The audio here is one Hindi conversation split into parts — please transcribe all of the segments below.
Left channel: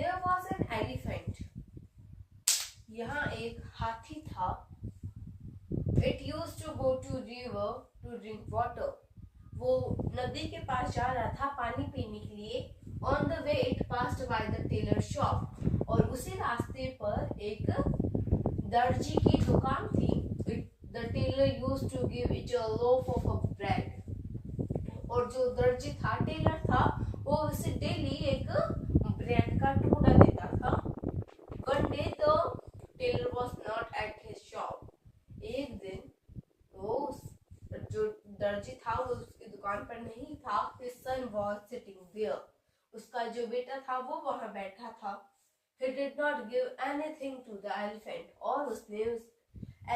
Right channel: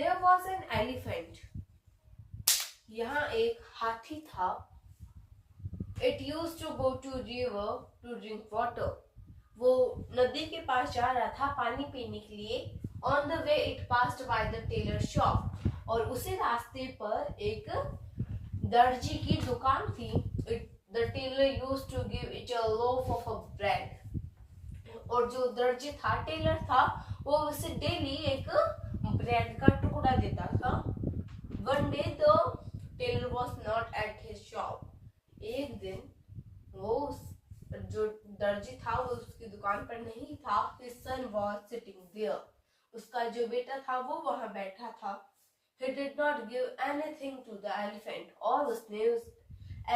There was an elephant. यहाँ एक हाथी था. It used to go to river to drink water. वो नदी के पास जा रहा था पानी पीने के लिए. On the way it passed by the tailor shop. और उसी रास्ते पर एक दर्जी की दुकान थी. The tailor used to give it a loaf of bread. और जो दर्जी था, टेलर था, वो उसे डेली एक ब्रेड का टुकड़ा देता था. One day the tailor was not at his shop. एक दिन वो जो दर्जी था वो उसकी दुकान पर नहीं था. His son was sitting there. उसका जो बेटा था वो वहां बैठा था. He did not give anything to the elephant. और उसने उस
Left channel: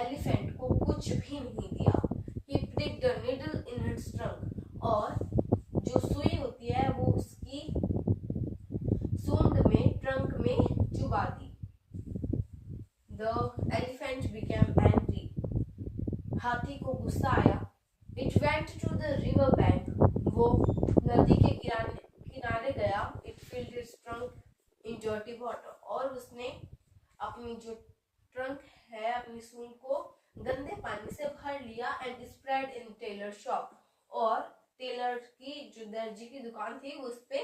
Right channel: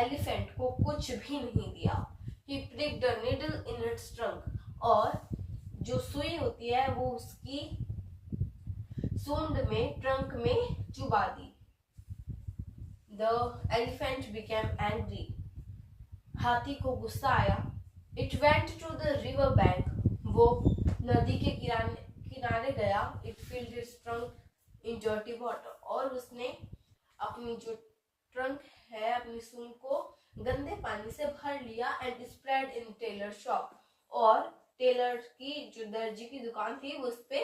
एलिफेंट को कुछ भी नहीं दिया. He pricked a needle in its trunk. और जो सुई होती है वो उसकी सूंड में, ट्रंक में चुबा दी. The elephant became angry. हाथी को गुस्सा आया. It went to the river bank. वो नदी के किनारे गया. It filled its trunk in dirty water. और उसने अपनी जो ट्रंक है, अपनी सूंड को गंदे पानी से भर लिया. And spread in tailor shop. और टेलर की जो दर्जी की दुकान थी उस पे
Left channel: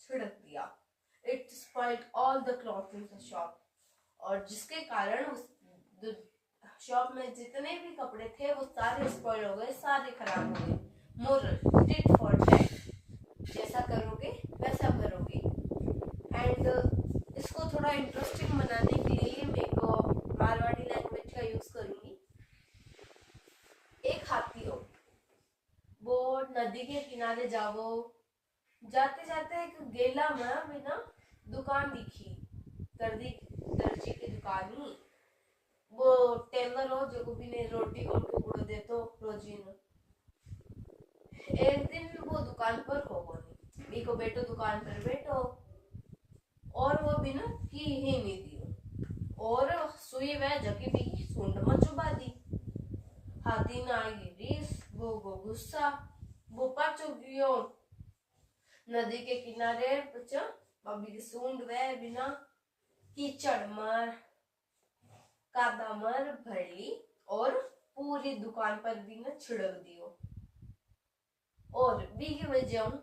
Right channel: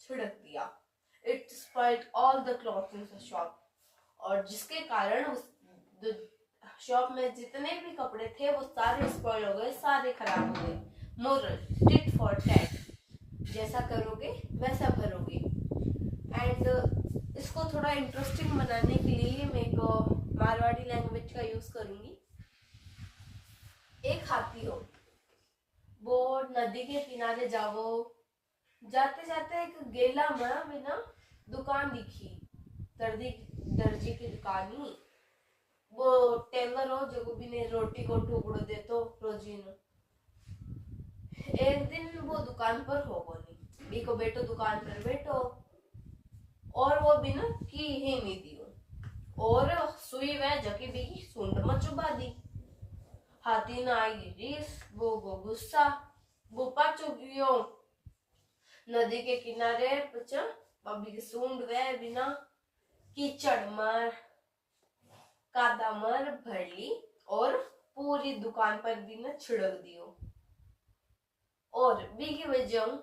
छिड़क दिया. It spoiled all the clothes in the shop. और जिसके कारण उस शॉप में जितने भी कपड़े थे वो सारे स्पॉइल हो गए, सारे खराब हो गए. Moral, tit for tat. जैसा करोगे वैसा भरोगे. एंड इसको थोड़ा इंटरेस्टिंग बनाने के लिए मैं एक मारवाड़ी लैंग्वेज का यूज करूंगी. एक हाथी हो, वो नदी के किनारे जावो. जाते जाते एक गेला में बिना दुकान दिखी. दर्जी की दुकान ही. वो टेलर हो जो भी ने रोटी को टुकड़ो देतो रोजीन. एक दिन वो दुकान पर हो बोली बीको बेटो दुकान पर बैठो. और वो बिना की ही नहीं दियो. और सुई वह जकी भी सूंड में चुबा दी. हाथी ना आई रीस. वो गुस्सा. वो पाचो गयो नदी के किनारे. पचा बबी की सूंड वह बिना कीचड़ मार कादा मर भर ली. और पूरी दुकान पर भी न छिड़क दियो. और बी की वजह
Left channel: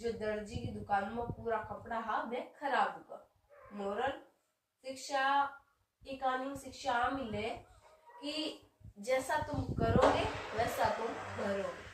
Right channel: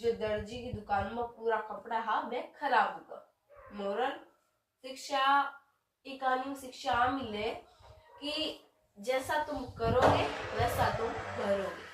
जो दर्जी की दुकान में पूरा कपड़ा हा वह खराब होगा. मोरल शिक्षा, इकानी शिक्षा मिले कि जैसा तुम करोगे वैसा तुम भरोगे.